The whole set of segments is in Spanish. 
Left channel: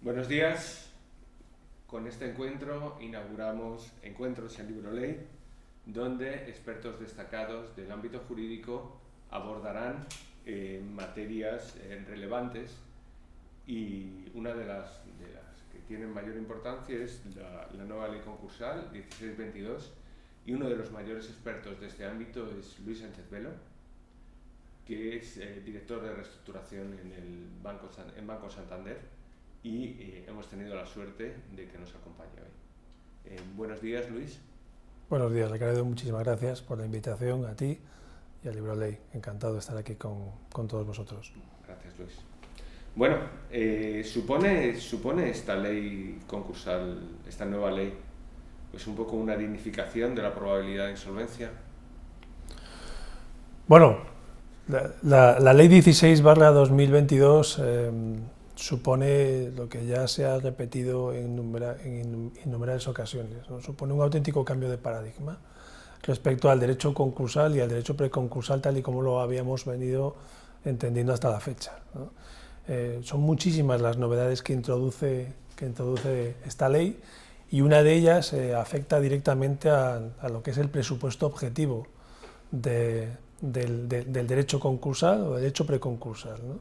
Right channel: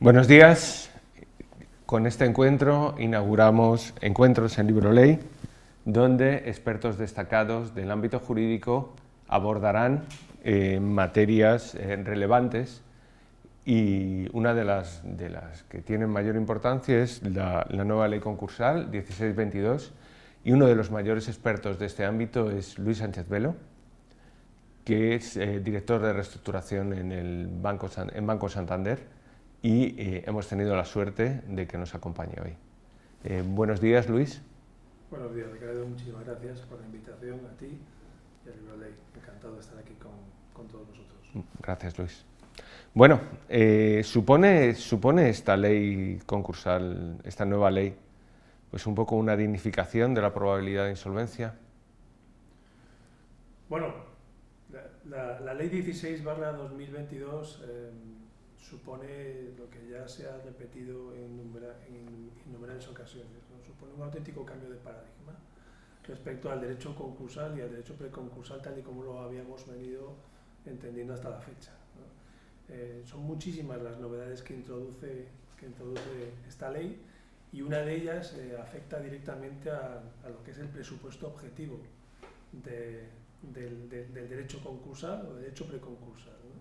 Buenos días. Con este encuentro inauguramos Encuentros en LibroLey, donde expertos destacados del ámbito jurídico abordarán materias relevantes, y una de las que tienen mayor importancia es la nueva ley concursal 1622, y uno de los mayores expertos de este ámbito es Luis Sánchez Velo, que es director de reestructuración en Banco Santander, y hemos tenido la suerte de que nos acompañe hoy. Buenos días, Luis. Buenos días, Ricardo. Muchísimas gracias por la invitación a ti y a LibroLey. Encantado de estar aquí con todos vosotros. Gracias, Luis. Bueno, ¿supone esta ley concursal, esta nueva ley, pues un poco una dignificación de la probabilidad de insolvencia? Bueno, la ley 16/2022 supone lo que ya se ha repetido en innumerables ocasiones, ¿no? Supone un auténtico cambio de paradigma respecto al derecho concursal y al derecho preconcursal tal y como lo habíamos venido entendiendo hasta la fecha, ¿no? Son muchísimas las novedades que introduce esta ley, y una de ellas afecta directamente a lo que es el presupuesto objetivo del derecho concursal o derecho preconcursal, ¿no?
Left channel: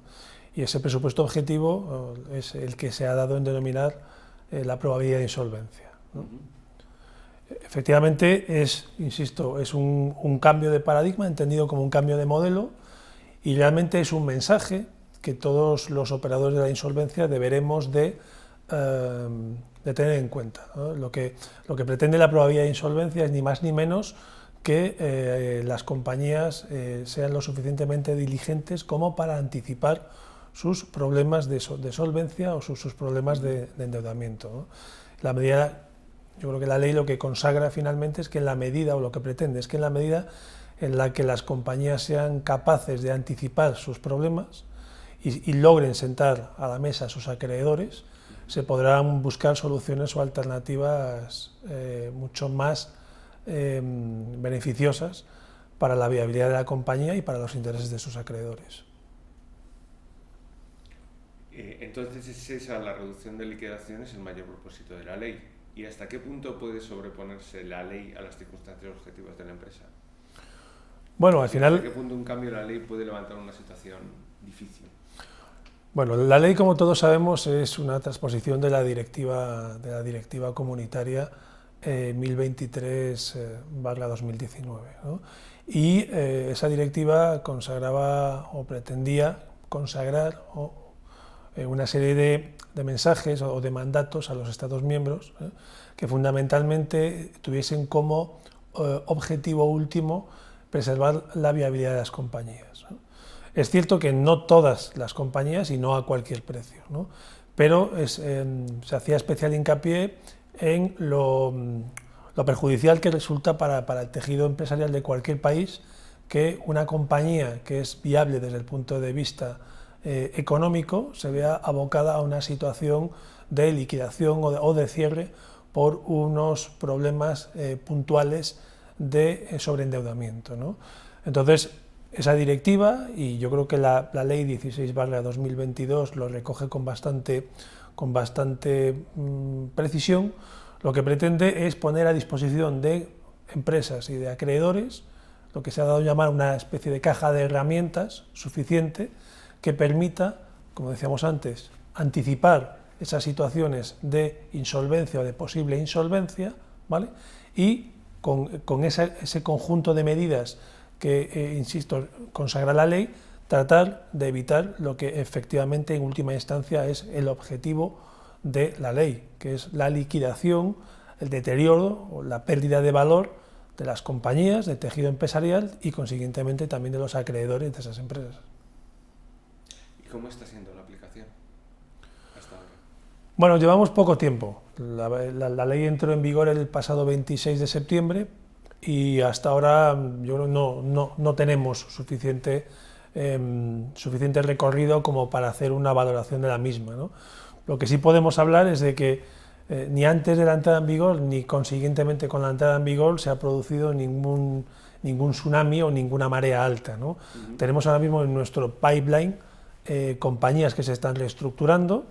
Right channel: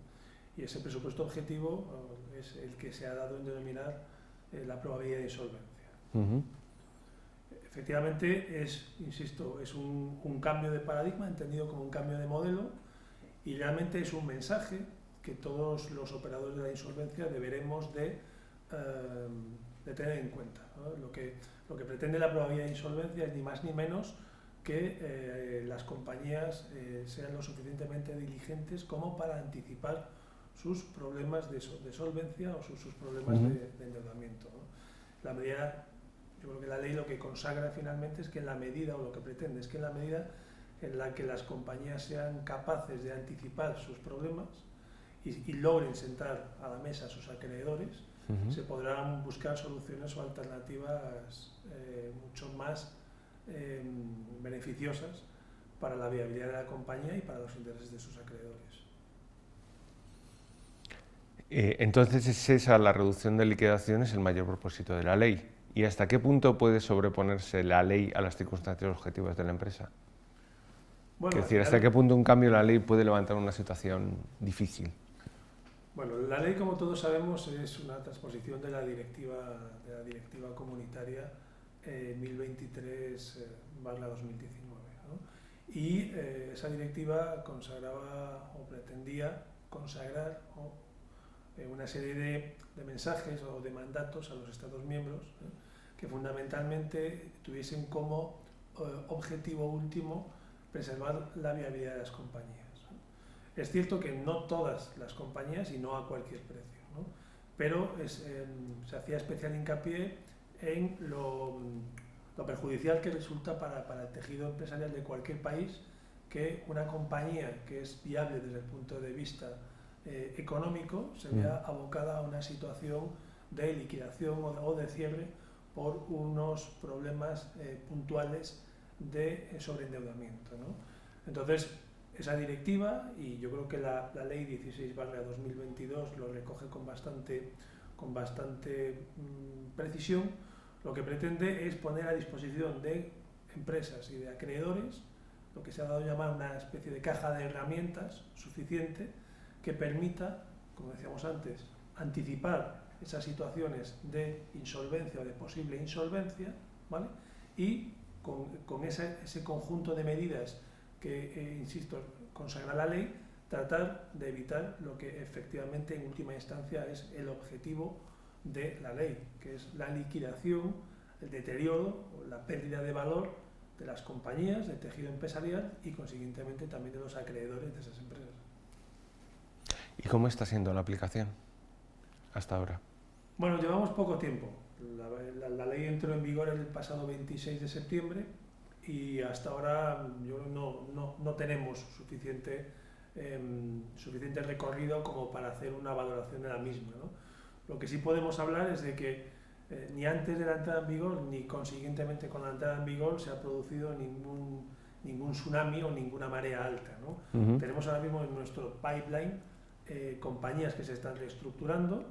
Y ese presupuesto objetivo es el que se ha dado en denominar la probabilidad de insolvencia, ¿no? Efectivamente insisto, es un cambio de paradigma entendido como un cambio de modelo, y realmente es un mensaje que todos los operadores de la insolvencia deberemos de tener en cuenta, ¿no? Lo que pretende la probabilidad de insolvencia es ni más ni menos que las compañías sean lo suficientemente diligentes como para anticipar sus problemas de solvencia o sus problemas de endeudamiento, ¿no? Yo creo que la ley lo que consagra finalmente es que en la medida, o lo que pretende es que en la medida en la que las compañías sean capaces de anticipar sus problemas y logren sentar a la mesa a sus acreedores, se podrán buscar soluciones o alternativas mucho más beneficiosas para la viabilidad de la compañía y para los intereses de sus acreedores. Entonces es esa, la reducción de liquidaciones, el mayor propósito de la ley. ¿Y hasta qué punto puede sobreponerse la ley a las circunstancias objetivas de la empresa? Bueno, al final, ¿hasta qué punto un cambio en la ley puede levantar una situación difícil? Bueno, la ley, como todos sabemos, es una transposición de la directiva comunitaria 1023/2019, ¿no? Y esa directiva consagraba o pretendía consagrar una serie de mensajes o de mandatos a los Estados miembros, que fundamentalmente tuviesen como objetivo último preservar la viabilidad de las compañías, ¿no? Es cierto que no todas las compañías y no a cualquier precio, ¿no? Pero se hacía especial hincapié en lo perjudicial que resulta para el tejido empresarial de cualquier país que una compañía que es viable desde el punto de vista económico se vea abocada a una situación de liquidación o de cierre por unos problemas puntuales de sobreendeudamiento, ¿no? Entonces, esa directiva, y yo creo que la ley 16/2022 lo recoge con bastante precisión, lo que pretende es poner a disposición de empresas y de acreedores lo que se ha dado a llamar una especie de caja de herramientas suficiente que permita, como decíamos antes, anticipar esas situaciones de insolvencia o de posible insolvencia, ¿vale? Y con ese conjunto de medidas que, insisto, consagra la ley, tratar de evitar lo que efectivamente en última instancia es el objetivo de la ley, que es la liquidación, el deterioro o la pérdida de valor de las compañías, del tejido empresarial y consiguientemente también de los acreedores de esas empresas. ¿Y cómo está siendo la aplicación hasta ahora? Bueno, llevamos poco tiempo. La ley entró en vigor el pasado 26 de septiembre y hasta ahora yo no tenemos suficiente recorrido como para hacer una valoración de la misma, ¿no? Lo que sí podemos hablar es de que ni antes de la entrada en vigor ni consiguientemente con la entrada en vigor se ha producido ningún tsunami o ninguna marea alta, ¿no? Tenemos ahora mismo en nuestro pipeline compañías que se están reestructurando,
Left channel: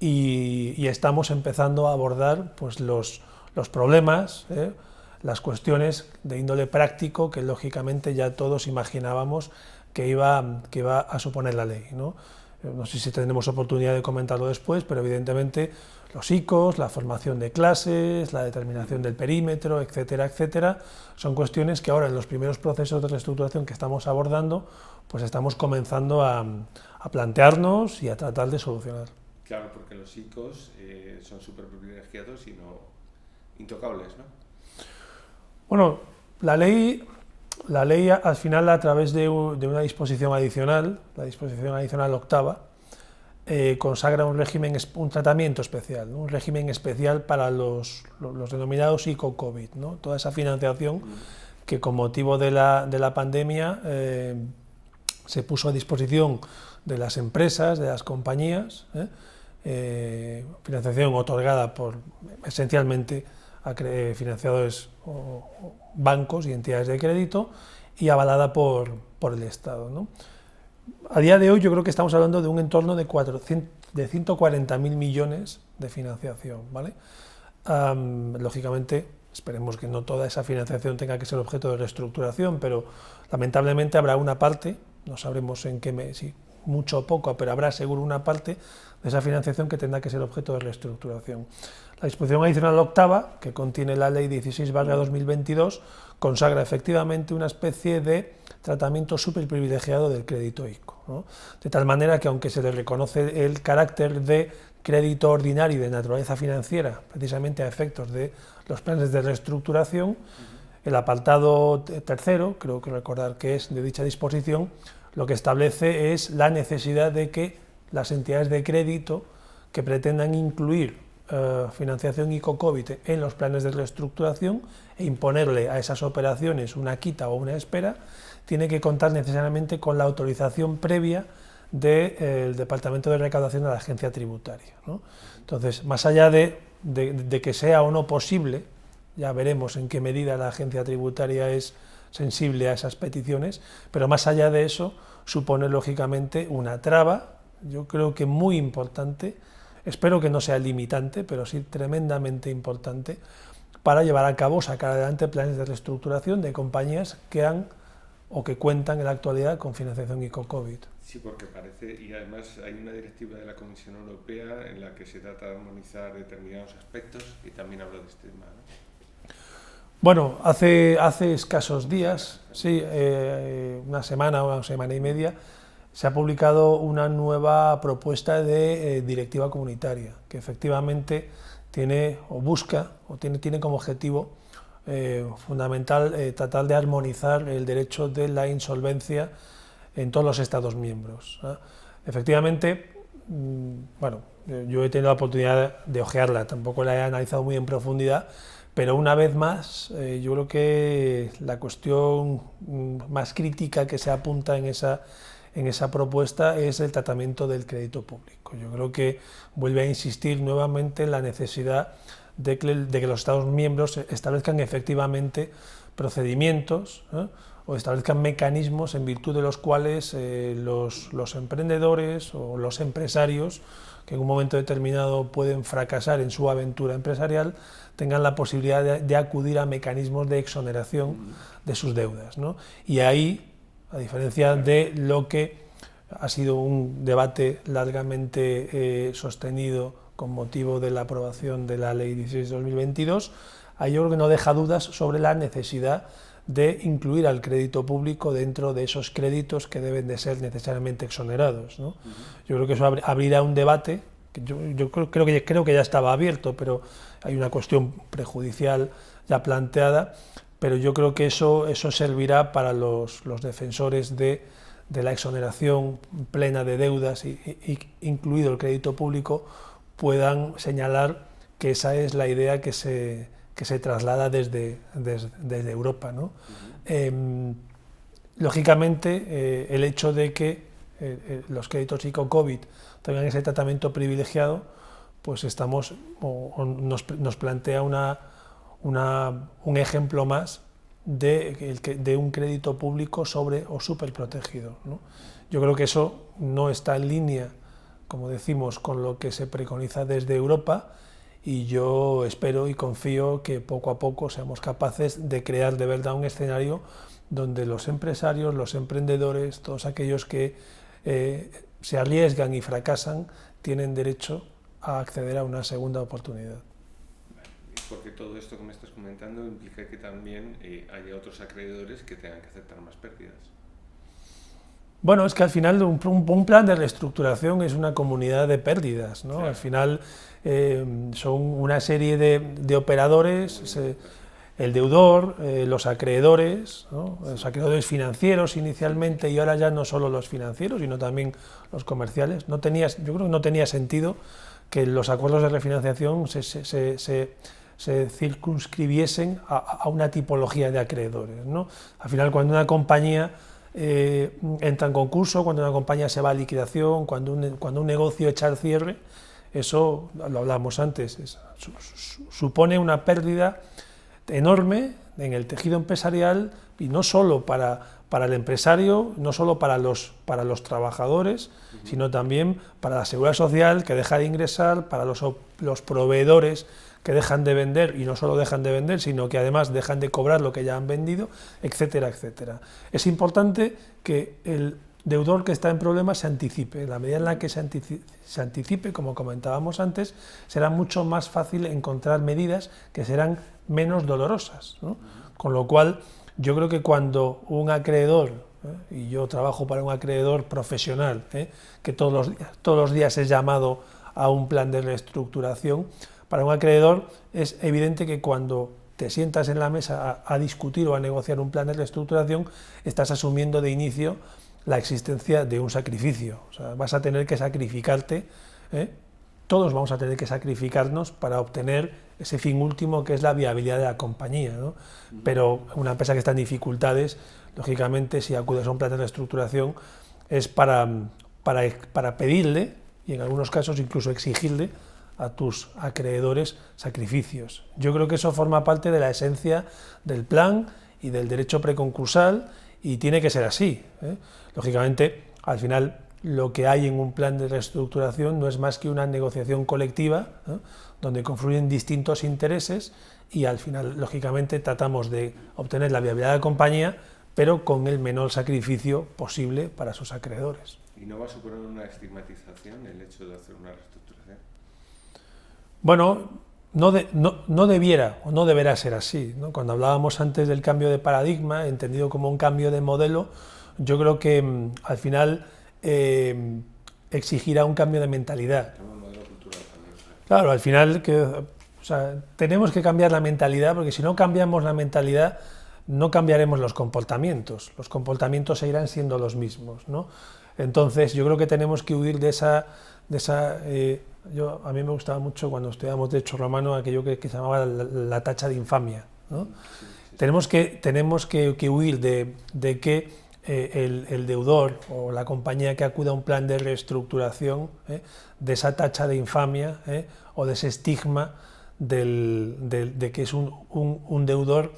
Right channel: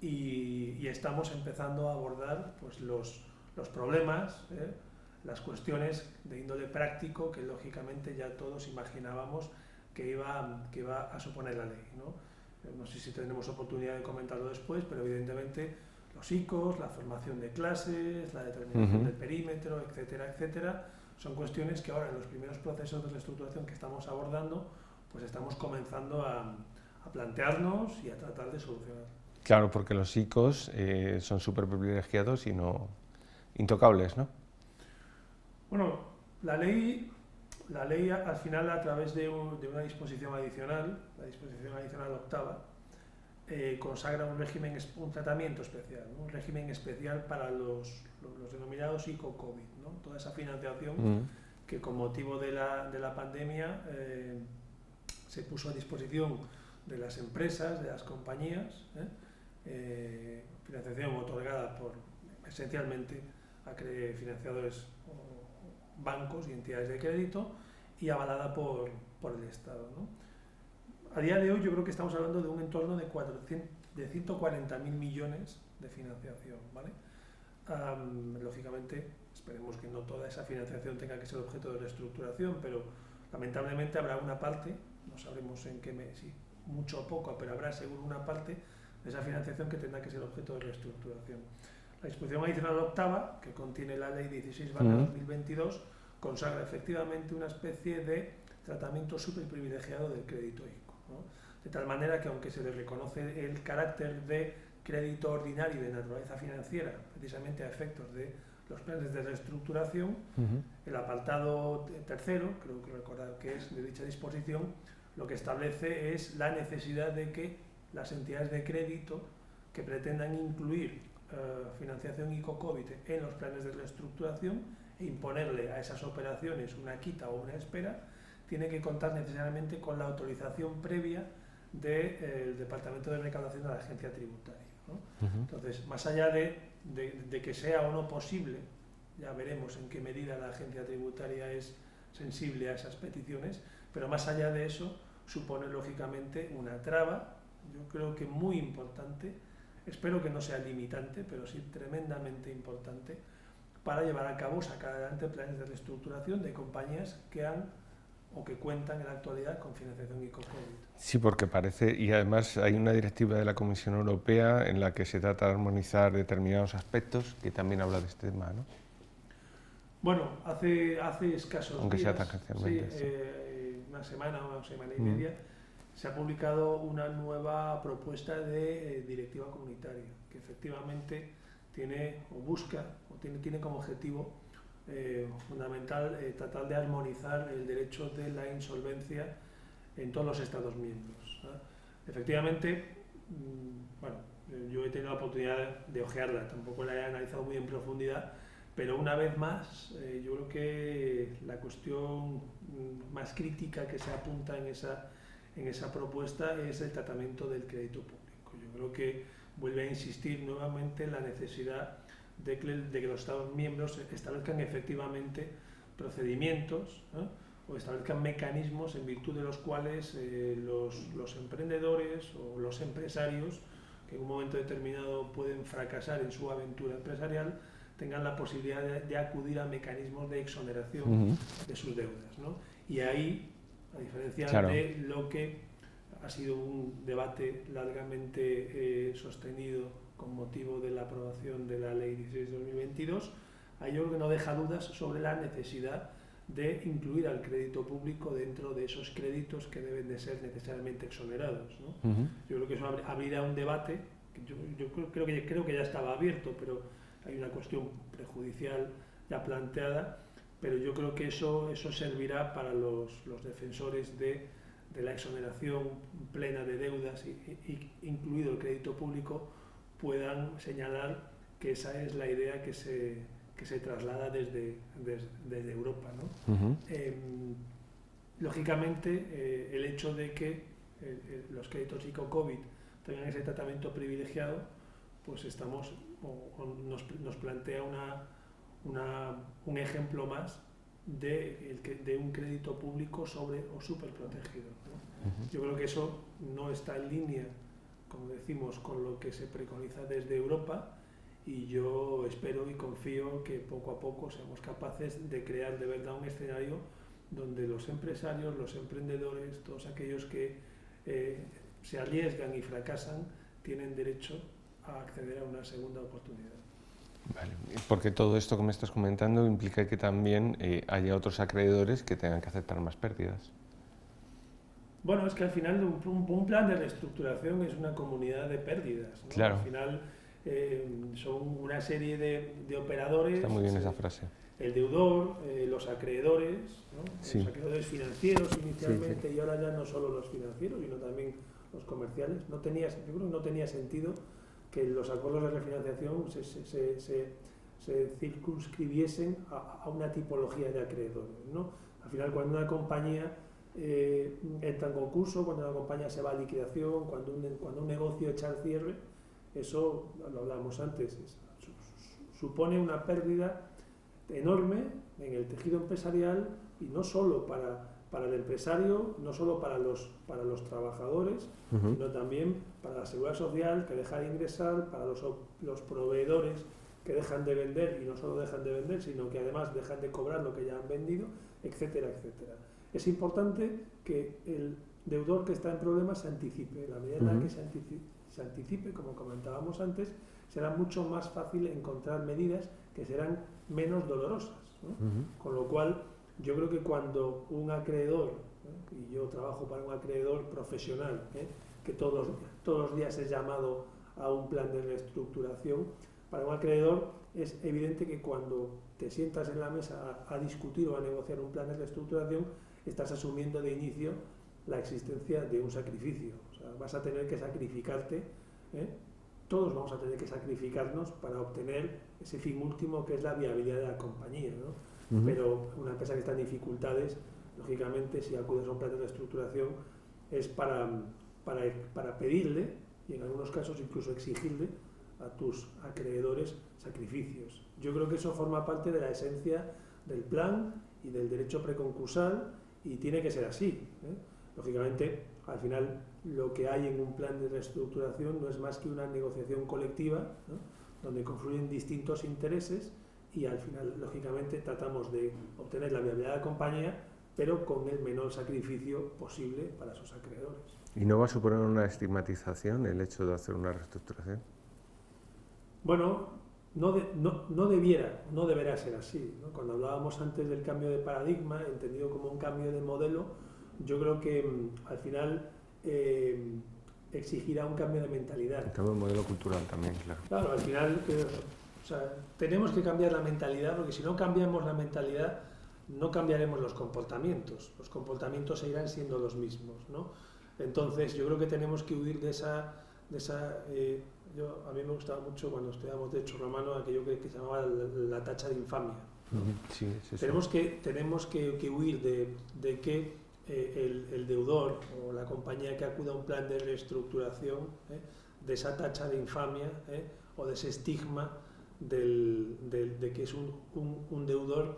y estamos empezando a abordar pues, los problemas, las cuestiones de índole práctico que lógicamente ya todos imaginábamos que iba a suponer la ley, ¿no? No sé si tendremos oportunidad de comentarlo después, pero evidentemente los ICOs, la formación de clases, la determinación del perímetro, etcétera, etcétera, son cuestiones que ahora en los primeros procesos de reestructuración que estamos abordando, pues estamos comenzando a plantearnos y a tratar de solucionar. Claro, porque los ICOs son súper privilegiados y no intocables, ¿no? Bueno, la ley al final, a través de una disposición adicional, la disposición adicional octava, consagra un tratamiento especial, ¿no? Un régimen especial para los denominados ICO-COVID, ¿no? Toda esa financiación que con motivo de la pandemia se puso a disposición de las empresas, de las compañías, financiación otorgada esencialmente a financiadores o bancos y entidades de crédito y avalada por el Estado, ¿no? A día de hoy yo creo que estamos hablando de un entorno de 140.000 millones de financiación, ¿vale? Lógicamente, esperemos que no toda esa financiación tenga que ser objeto de reestructuración, pero lamentablemente habrá una parte, no sabremos en qué, si mucho o poco, pero habrá seguro una parte de esa financiación que tendrá que ser objeto de reestructuración. La disposición adicional octava, que contiene la Ley 16/2022, consagra efectivamente una especie de tratamiento superprivilegiado del crédito ICO, ¿no? De tal manera que aunque se le reconoce el carácter de crédito ordinario y de naturaleza financiera, precisamente a efectos de los planes de reestructuración, el apartado tercero, creo que recordar que es de dicha disposición, lo que establece es la necesidad de que las entidades de crédito que pretendan incluir financiación ICO-COVID en los planes de reestructuración e imponerle a esas operaciones una quita o una espera, tiene que contar necesariamente con la autorización previa del Departamento de Recaudación de la Agencia Tributaria, ¿no? Entonces, más allá de que sea o no posible, ya veremos en qué medida la Agencia Tributaria es sensible a esas peticiones, pero más allá de eso, supone lógicamente una traba, yo creo que muy importante, espero que no sea limitante, pero sí tremendamente importante, para llevar a cabo, sacar adelante planes de reestructuración de compañías que han o que cuentan en la actualidad con financiación ICO-COVID. Sí, porque parece, y además hay una directiva de la Comisión Europea en la que se trata de armonizar determinados aspectos, que también habla de este tema, ¿no? Bueno, hace escasos días, sí, una semana y media, se ha publicado una nueva propuesta de directiva comunitaria, que efectivamente tiene o busca o tiene como objetivo fundamental tratar de armonizar el derecho de la insolvencia en todos los Estados miembros, ¿eh? Efectivamente, bueno, yo he tenido la oportunidad de ojearla, tampoco la he analizado muy en profundidad, pero una vez más, yo creo que la cuestión más crítica que se apunta en esa propuesta es el tratamiento del crédito público. Yo creo que vuelve a insistir nuevamente en la necesidad de que los Estados miembros establezcan efectivamente procedimientos, o establezcan mecanismos en virtud de los cuales los emprendedores o los empresarios que en un momento determinado pueden fracasar en su aventura empresarial tengan la posibilidad de acudir a mecanismos de exoneración de sus deudas, ¿no? Y ahí, a diferencia de lo que ha sido un debate largamente sostenido con motivo de la aprobación de la Ley 16/2022, ahí yo creo que no deja dudas sobre la necesidad de incluir al crédito público dentro de esos créditos que deben de ser necesariamente exonerados, ¿no? Yo creo que eso abrirá un debate, que yo creo que ya estaba abierto, pero hay una cuestión prejudicial ya planteada, pero yo creo que eso servirá para los defensores de la exoneración plena de deudas, incluido el crédito público, puedan señalar que esa es la idea que se traslada desde Europa, ¿no? Lógicamente, el hecho de que los créditos ICO-COVID tengan ese tratamiento privilegiado, pues nos plantea un ejemplo más de un crédito público sobre o superprotegido, ¿no? Yo creo que eso no está en línea como decimos, con lo que se preconiza desde Europa, y yo espero y confío que poco a poco seamos capaces de crear de verdad un escenario donde los empresarios, los emprendedores, todos aquellos que se arriesgan y fracasan, tienen derecho a acceder a una segunda oportunidad. Vale, porque todo esto que me estás comentando implica que también haya otros acreedores que tengan que aceptar más pérdidas. Bueno, es que al final un plan de reestructuración es una comunidad de pérdidas, ¿no? Claro. Al final son una serie de operadores, el deudor, los acreedores, ¿no? Sí. Los acreedores financieros inicialmente, y ahora ya no solo los financieros, sino también los comerciales. Yo creo que no tenía sentido que los acuerdos de refinanciación se circunscribiesen a una tipología de acreedores, ¿no? Al final, cuando una compañía entra en concurso, cuando una compañía se va a liquidación, cuando un negocio echa al cierre, eso, lo hablamos antes, supone una pérdida enorme en el tejido empresarial, y no solo para el empresario, no solo para los trabajadores, sino también para la seguridad social, que deja de ingresar, para los proveedores, que dejan de vender, y no solo dejan de vender, sino que además dejan de cobrar lo que ya han vendido, etcétera, etcétera. Es importante que el deudor que está en problemas se anticipe. En la medida en la que se anticipe, como comentábamos antes, será mucho más fácil encontrar medidas que serán menos dolorosas, ¿no? Con lo cual, yo creo que cuando un acreedor, y yo trabajo para un acreedor profesional, que todos los días es llamado a un plan de reestructuración, para un acreedor es evidente que cuando te sientas en la mesa a discutir o a negociar un plan de reestructuración, estás asumiendo de inicio la existencia de un sacrificio. O sea, vas a tener que sacrificarte, todos vamos a tener que sacrificarnos para obtener ese fin último, que es la viabilidad de la compañía, ¿no? Pero una empresa que está en dificultades, lógicamente, si acudes a un plan de reestructuración, es para pedirle, y en algunos casos incluso exigirle, a tus acreedores sacrificios. Yo creo que eso forma parte de la esencia del plan y del derecho preconcursal, y tiene que ser así, ¿eh? Lógicamente, al final, lo que hay en un plan de reestructuración no es más que una negociación colectiva, ¿no?, donde confluyen distintos intereses, y al final, lógicamente, tratamos de obtener la viabilidad de la compañía, pero con el menor sacrificio posible para sus acreedores. ¿Y no va a suponer una estigmatización el hecho de hacer una reestructuración? Bueno, no debiera o no deberá ser así, ¿no? Cuando hablábamos antes del cambio de paradigma, entendido como un cambio de modelo, yo creo que al final exigirá un cambio de mentalidad. El cambio de modelo cultural también, claro. Claro, al final tenemos que cambiar la mentalidad, porque si no cambiamos la mentalidad, no cambiaremos los comportamientos seguirán siendo los mismos, ¿no? Entonces, yo creo que tenemos que huir de esa a mí me gustaba mucho cuando estudiábamos Derecho Romano aquello que se llamaba la tacha de infamia, ¿no? Sí. Tenemos que huir de que el deudor o la compañía que acuda a un plan de reestructuración, de esa tacha de infamia, o de ese estigma de que es un deudor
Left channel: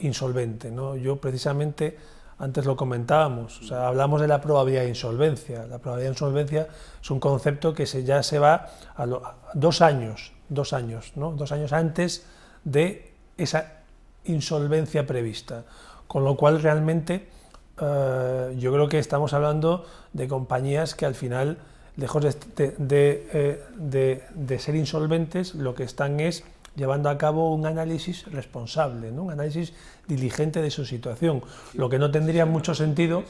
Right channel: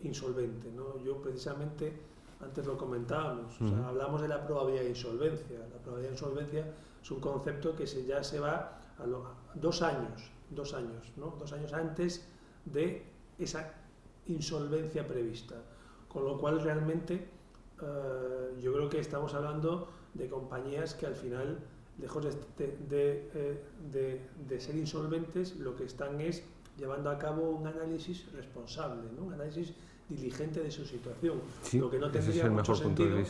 insolvente, ¿no? Yo precisamente, antes lo comentábamos, hablamos de la probabilidad de insolvencia. La probabilidad de insolvencia es un concepto que ya se va a 2 años, ¿no? 2 años antes de esa insolvencia prevista. Con lo cual, realmente, yo creo que estamos hablando de compañías que al final, lejos de ser insolventes, lo que están es llevando a cabo un análisis responsable, ¿no? Un análisis diligente de su situación. Sí, lo que no tendría mucho sentido,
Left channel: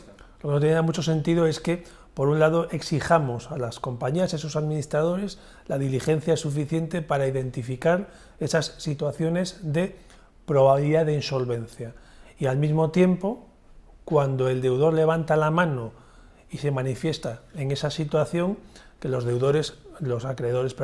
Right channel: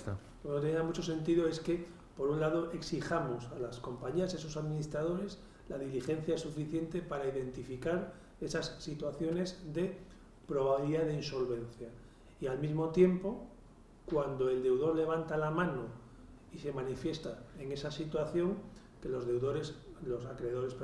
es que, por un lado, exijamos a las compañías y a sus administradores la diligencia suficiente para identificar esas situaciones de probabilidad de insolvencia, y al mismo tiempo, cuando el deudor levanta la mano y se manifiesta en esa situación, que los acreedores,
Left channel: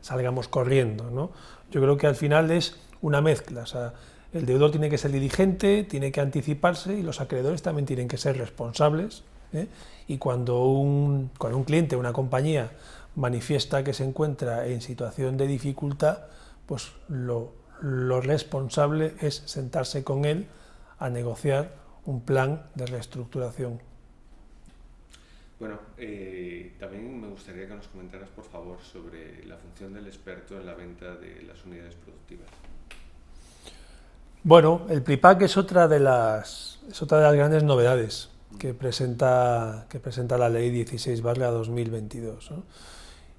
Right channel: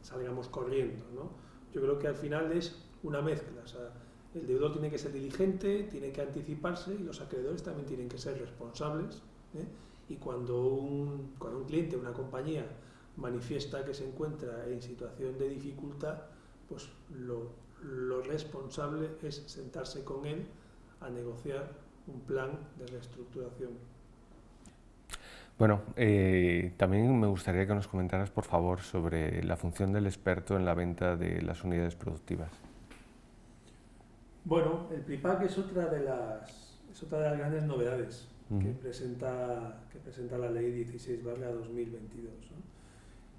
salgamos corriendo, ¿no? Yo creo que al final es una mezcla. O sea, el deudor tiene que ser diligente, tiene que anticiparse, y los acreedores también tienen que ser responsables, ¿eh? Y cuando un cliente, una compañía, manifiesta que se encuentra en situación de dificultad, pues lo responsable es sentarse con él a negociar un plan de reestructuración. Bueno, también me gustaría que nos comentaras, por favor, sobre la función del experto en la venta de las unidades productivas. Bueno, el PRIPAC es otra de las grandes novedades que presenta la Ley 16/2022, ¿no?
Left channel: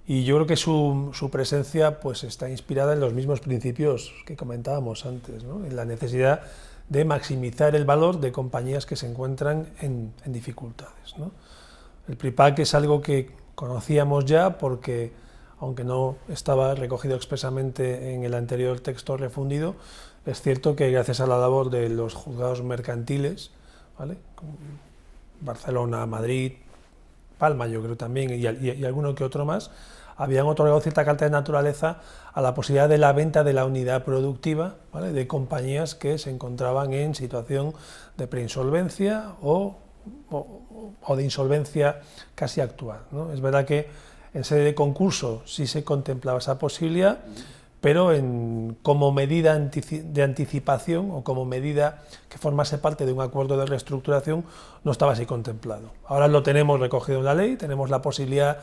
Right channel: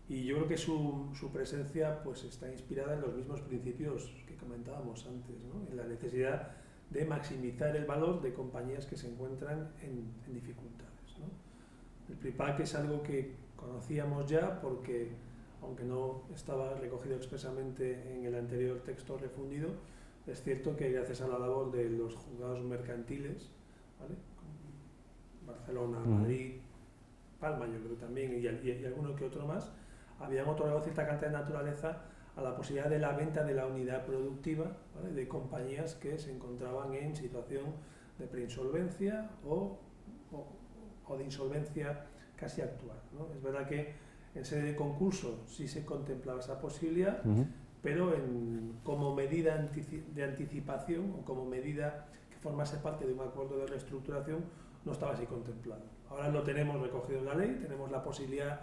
Y yo creo que su presencia pues, está inspirada en los mismos principios que comentábamos antes, ¿no? En la necesidad de maximizar el valor de compañías que se encuentran en dificultades, ¿no? El PRIPAC es algo que conocíamos ya porque, aunque no estaba recogido expresamente en el anterior texto refundido, es cierto que gracias a la labor de los juzgados mercantiles, ¿vale? Barcelona, Madrid, Palma yo creo también, y alguno que otro más, habían otorgado cierta carta de naturaleza a la posibilidad de la venta de la unidad productiva, ¿vale? De compañías que se encontraban en situación de preinsolvencia o de insolvencia casi actual, ¿no? Es verdad que en sede de concurso sí se contemplaba esa posibilidad, pero como medida de anticipación o como medida que formase parte de un acuerdo de reestructuración no estaba así contemplado. Ahora lo tenemos recogido en la ley, tenemos la posibilidad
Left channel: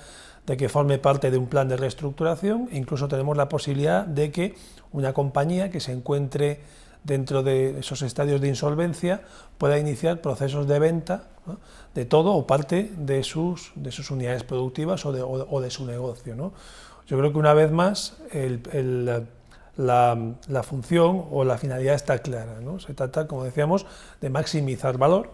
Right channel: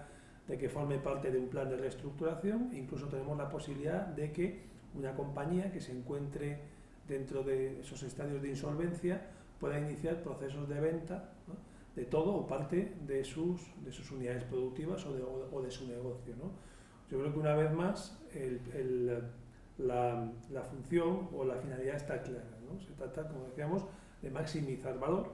de que forme parte de un plan de reestructuración e incluso tenemos la posibilidad de que una compañía que se encuentre dentro de esos estadios de insolvencia pueda iniciar procesos de venta, ¿no? De todo o parte de sus unidades productivas o de su negocio, ¿no? Yo creo que una vez más la función o la finalidad está clara, ¿no? Se trata, como decíamos, de maximizar valor,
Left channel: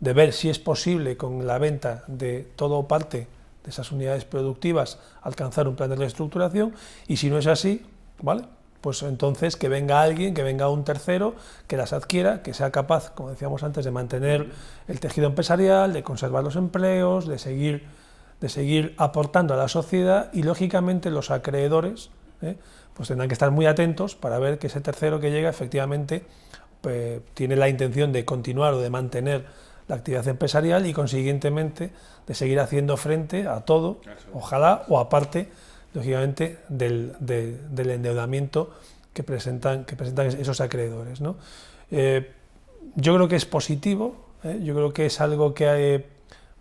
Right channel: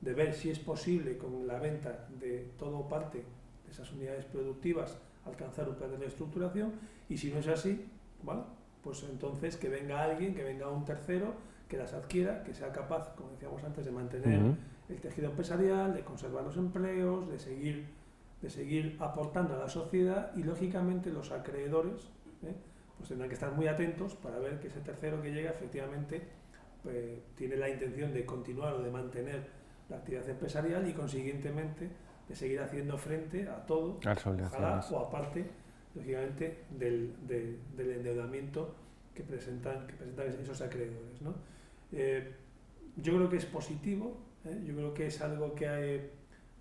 de ver si es posible con la venta de todo o parte de esas unidades productivas alcanzar un plan de reestructuración, y si no es así, ¿vale? Pues entonces que venga alguien, que venga un tercero, que las adquiera, que sea capaz, como decíamos antes, de mantener el tejido empresarial, de conservar los empleos, de seguir aportando a la sociedad, y lógicamente los acreedores pues tendrán que estar muy atentos para ver que ese tercero que llega efectivamente tiene la intención de continuar o de mantener la actividad empresarial y consiguientemente de seguir haciendo frente a todo, ojalá, o aparte, lógicamente, del endeudamiento que presentan esos acreedores, ¿no? Yo creo que es positivo, yo creo que es algo que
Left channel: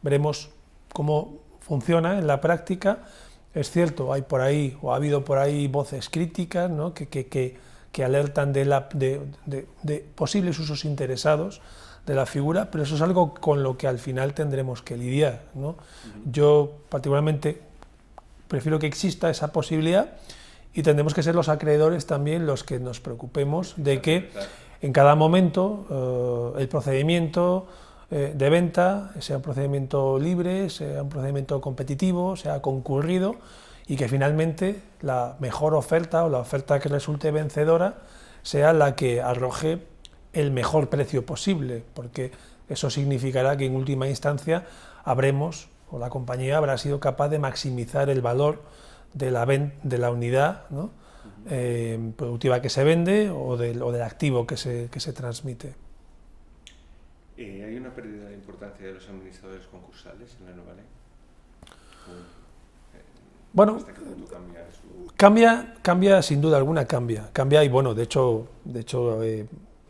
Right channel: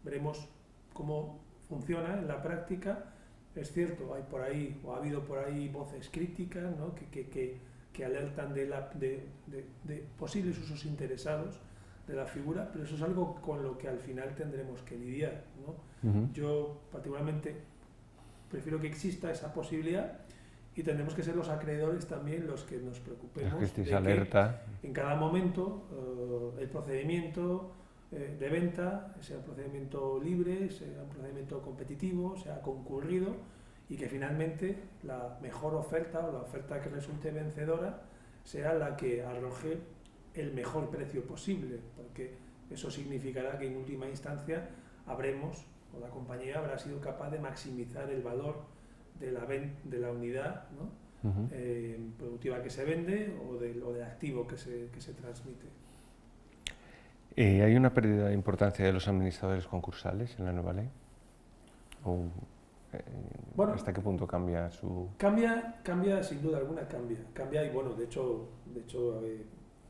veremos cómo funciona en la práctica. Es cierto, hay por ahí, o ha habido por ahí voces críticas, ¿no? que alertan de posibles usos interesados de la figura, pero eso es algo con lo que al final tendremos que lidiar, ¿no? Yo particularmente prefiero que exista esa posibilidad y tendremos que ser los acreedores también los que nos preocupemos de que en cada momento el procedimiento de venta sea un procedimiento libre, sea un procedimiento competitivo, sea concurrido, y que finalmente la mejor oferta o la oferta que resulte vencedora sea la que arroje el mejor precio posible, porque eso significará que en última instancia habremos, o la compañía habrá sido capaz de maximizar el valor de la unidad, ¿no? Productiva que se vende o del activo que se transmite. ¿Hay una pérdida de importancia de los administradores concursales en la nueva ley? Bueno, ¿hasta qué punto cambia su...? Cambia sin duda alguna, cambia y bueno, de hecho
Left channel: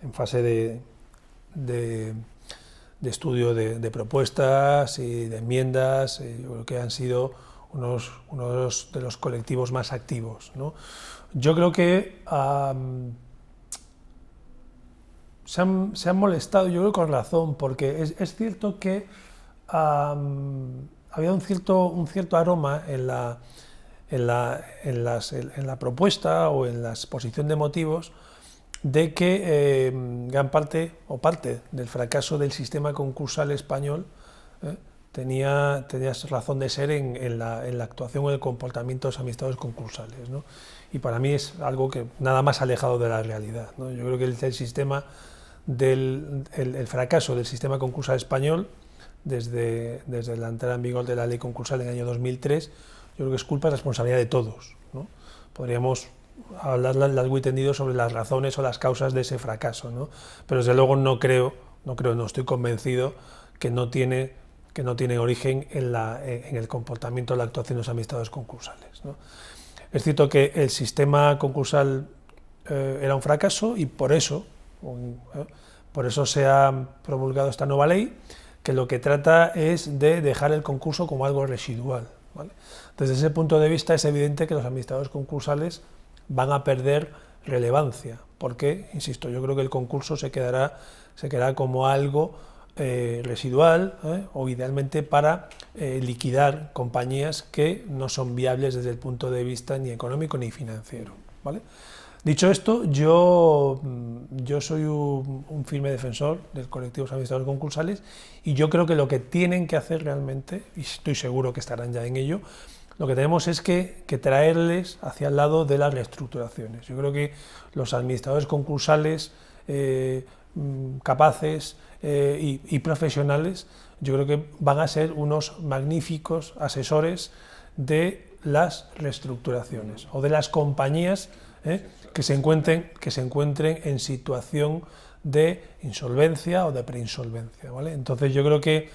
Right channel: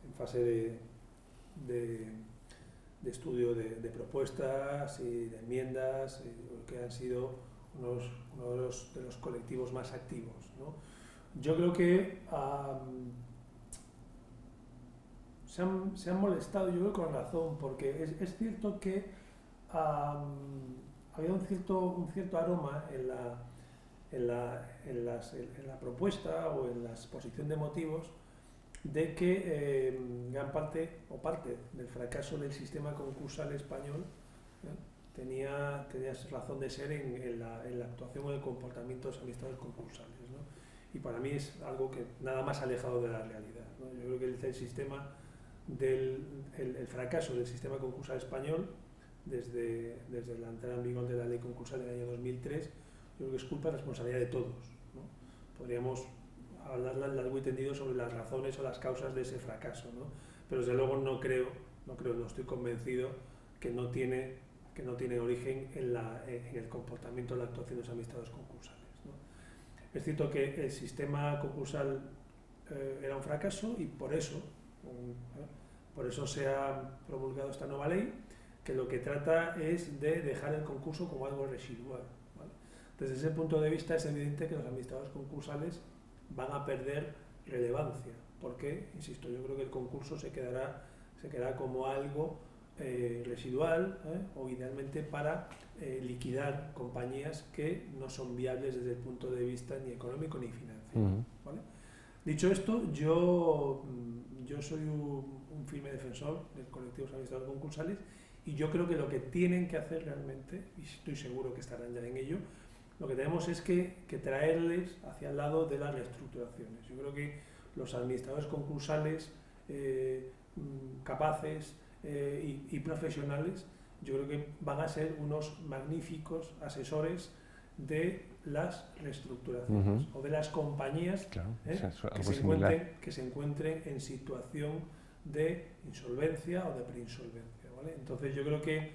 en fase de estudio de propuestas y de enmiendas, yo creo que han sido uno de los colectivos más activos, ¿no? Yo creo que se han molestado, yo creo con razón, porque es cierto que había un cierto aroma en la propuesta o en la exposición de motivos de que gran parte o parte del fracaso del sistema concursal español tenía razón de ser en la actuación o el comportamiento de los administradores concursales, ¿no? Y para mí es algo que nada más alejado de la realidad, ¿no? Yo creo que el fracaso del sistema concursal español desde la entrada en vigor de la ley concursal en el año 2003, yo creo que es culpa y responsabilidad de todos, ¿no? Podríamos hablar largo y tendido sobre las razones o las causas de ese fracaso, ¿no? Pero desde luego no estoy convencido que no tiene origen en el comportamiento o la actuación de los administradores concursales, ¿no? Es cierto que el sistema concursal era un fracaso y por eso se ha promulgado esta nueva ley, que lo que trata es de dejar el concurso como algo residual, ¿vale? Desde ese punto de vista es evidente que los administradores concursales van a perder relevancia, porque, insisto, yo creo que el concurso se quedará como algo residual, o idealmente para liquidar compañías que no son viables desde el punto de vista ni económico ni financiero, ¿vale? Dicho esto, yo soy un firme defensor del colectivo de administradores concursales, y yo creo que lo que tienen que hacer realmente, y estoy seguro que estarán ya en ello, lo que tenemos es que traerles hacia el lado de las reestructuraciones. Yo creo que los administradores concursales capaces y profesionales, yo creo que van a ser unos magníficos asesores de las reestructuraciones o de las compañías que se encuentren en situación de insolvencia o de preinsolvencia, ¿vale? Entonces yo creo que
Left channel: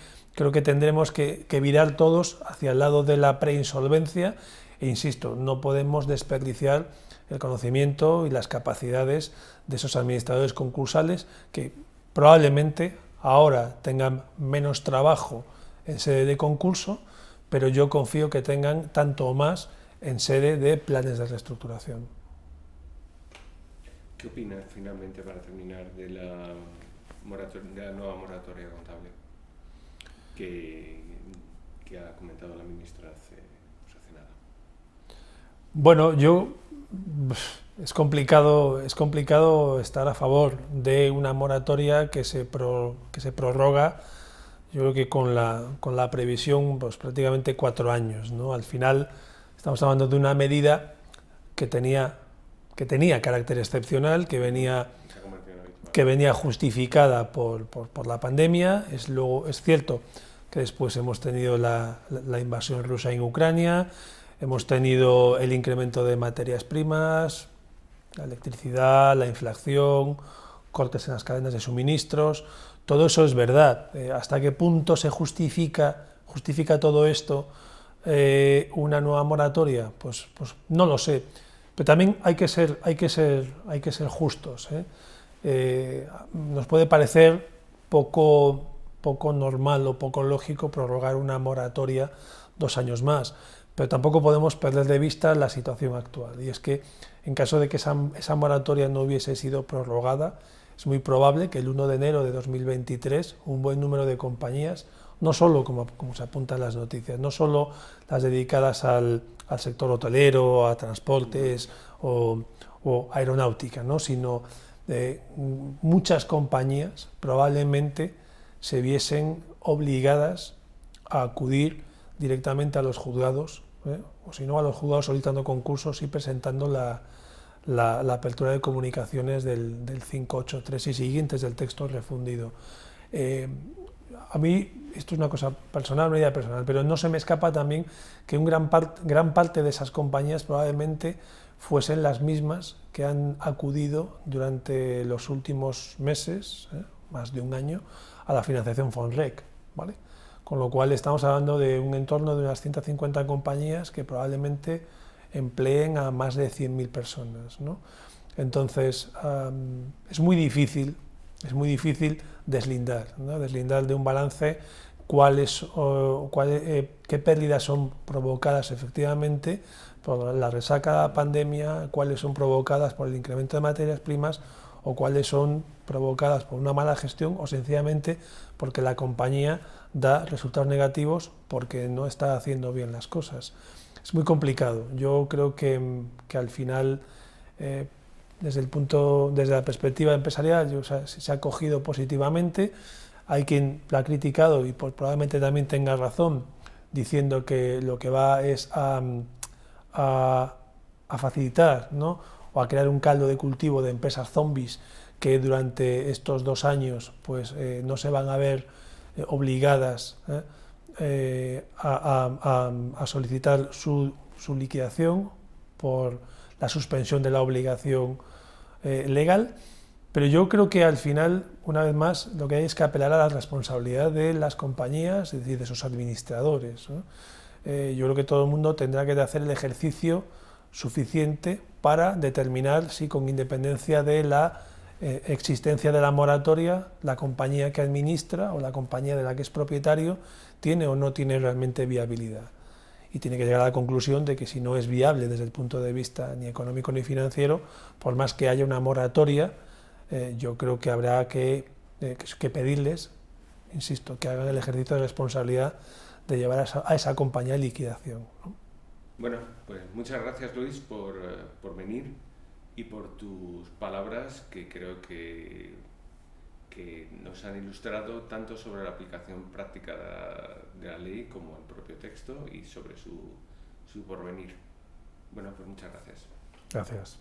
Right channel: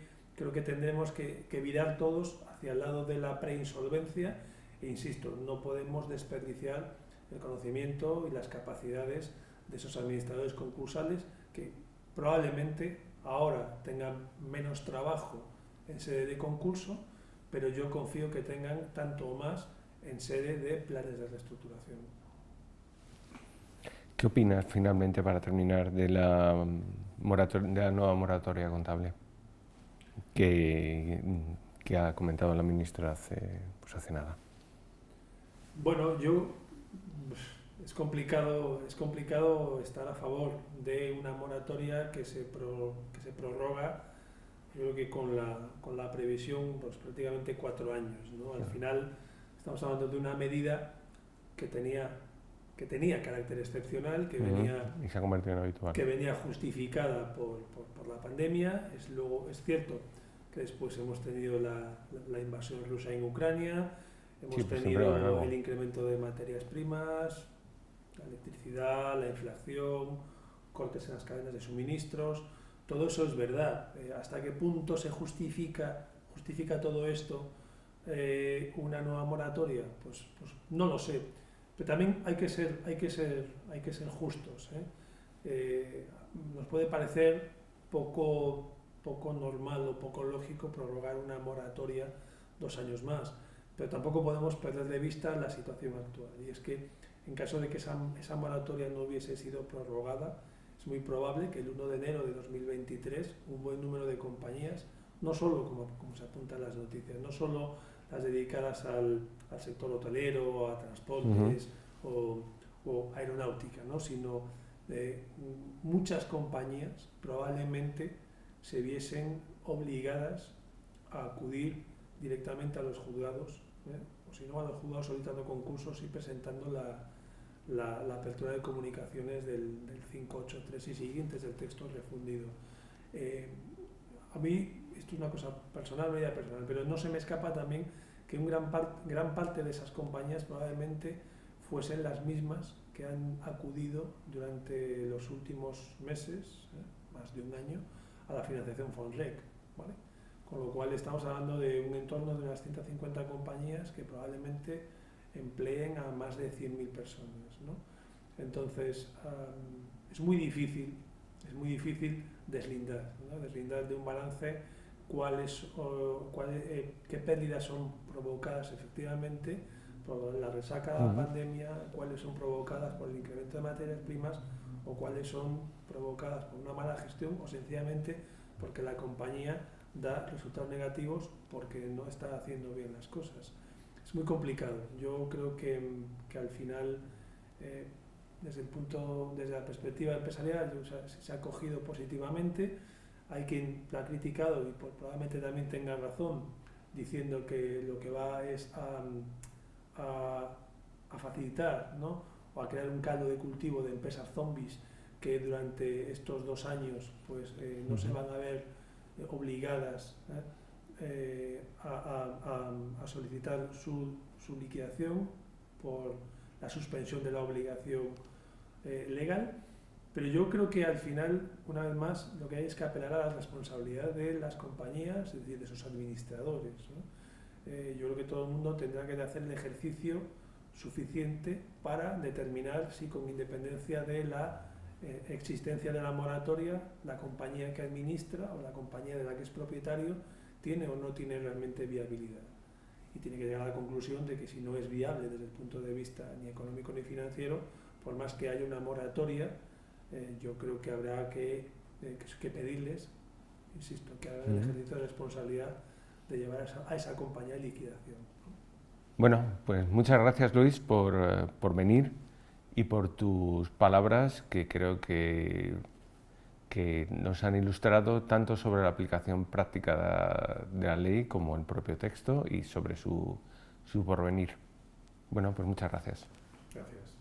tendremos que virar todos hacia el lado de la preinsolvencia, e insisto, no podemos desperdiciar el conocimiento y las capacidades de esos administradores concursales, que probablemente ahora tengan menos trabajo en sede de concurso, pero yo confío que tengan tanto o más en sede de planes de reestructuración. ¿Qué opinas finalmente, para terminar, de la nueva moratoria contable que ha comentado la ministra hace nada? Bueno, es complicado estar a favor de una moratoria que se prorroga. Yo creo que con la previsión, pues prácticamente 4 años, ¿no? Al final estamos hablando de una medida que tenía carácter excepcional, que venía justificada por la pandemia. Es cierto que después hemos tenido la invasión rusa en Ucrania, hemos tenido el incremento de materias primas, la electricidad, la inflación, cortes en las cadenas de suministros. Todo eso es verdad. ¿Hasta qué punto se justifica todo esto una nueva moratoria? Pues no lo sé. Pero también hay que ser justos, nos puede parecer poco normal o poco lógico prorrogar una moratoria 2 años más, pero tampoco podemos perder de vista la situación actual. Y es que en caso de que esa moratoria no hubiese sido prorrogada, es muy probable que el 1 de enero de 2023 un buen número de compañías, no solo, como se apunta en las noticias, no solo las dedicadas al sector hotelero, a transportes o aeronáutica, ¿no? Sino muchas compañías probablemente se viesen obligadas a acudir directamente a los juzgados, o si no a los juzgados solicitando concursos y presentando la apertura de comunicaciones del 583 y siguientes del texto refundido. A mí, esto es una cosa personal, una idea personal, pero no se me escapa también que gran parte de esas compañías probablemente fuesen las mismas que han acudido durante los últimos meses, más de un año, a la financiación FONREC, ¿vale? Con lo cual estamos hablando de un entorno de unas 150 compañías que probablemente empleen a más de 100.000 personas, ¿no? Entonces, es muy difícil deslindar de un balance qué pérdidas son provocadas efectivamente por la resaca de la pandemia, cuáles son provocadas por el incremento de materias primas, o cuáles son provocadas por una mala gestión o sencillamente porque la compañía da resultados negativos porque no está haciendo bien las cosas. Es muy complicado. Yo creo que al final, desde la perspectiva empresarial, se ha acogido positivamente. Hay quien lo ha criticado y probablemente también tenga razón, diciendo que lo que va es a facilitar, ¿no? O a crear un caldo de cultivo de empresas zombies que durante estos 2 años pues, no se van a ver obligadas a solicitar su liquidación por la suspensión de la obligación legal. Pero yo creo que al final, una vez más, lo que hay es que apelar a la responsabilidad de las compañías, es decir, de sus administradores, ¿no? Yo creo que todo el mundo tendrá que hacer el ejercicio suficiente para determinar si, con independencia de la existencia de la moratoria, la compañía que administra o la compañía de la que es propietario tiene o no tiene realmente viabilidad. Y tiene que llegar a la conclusión de que si no es viable desde el punto de vista ni económico ni financiero, por más que haya una moratoria, yo creo que habrá que pedirles, insisto, que hagan el ejercicio de responsabilidad de llevar a esa compañía a liquidación, ¿no? Bueno, pues muchas gracias, Luis, por venir y por tus palabras, que creo que nos han ilustrado tanto sobre la aplicación práctica de la ley como el propio texto y sobre su porvenir. Bueno, pues muchas gracias. Gracias.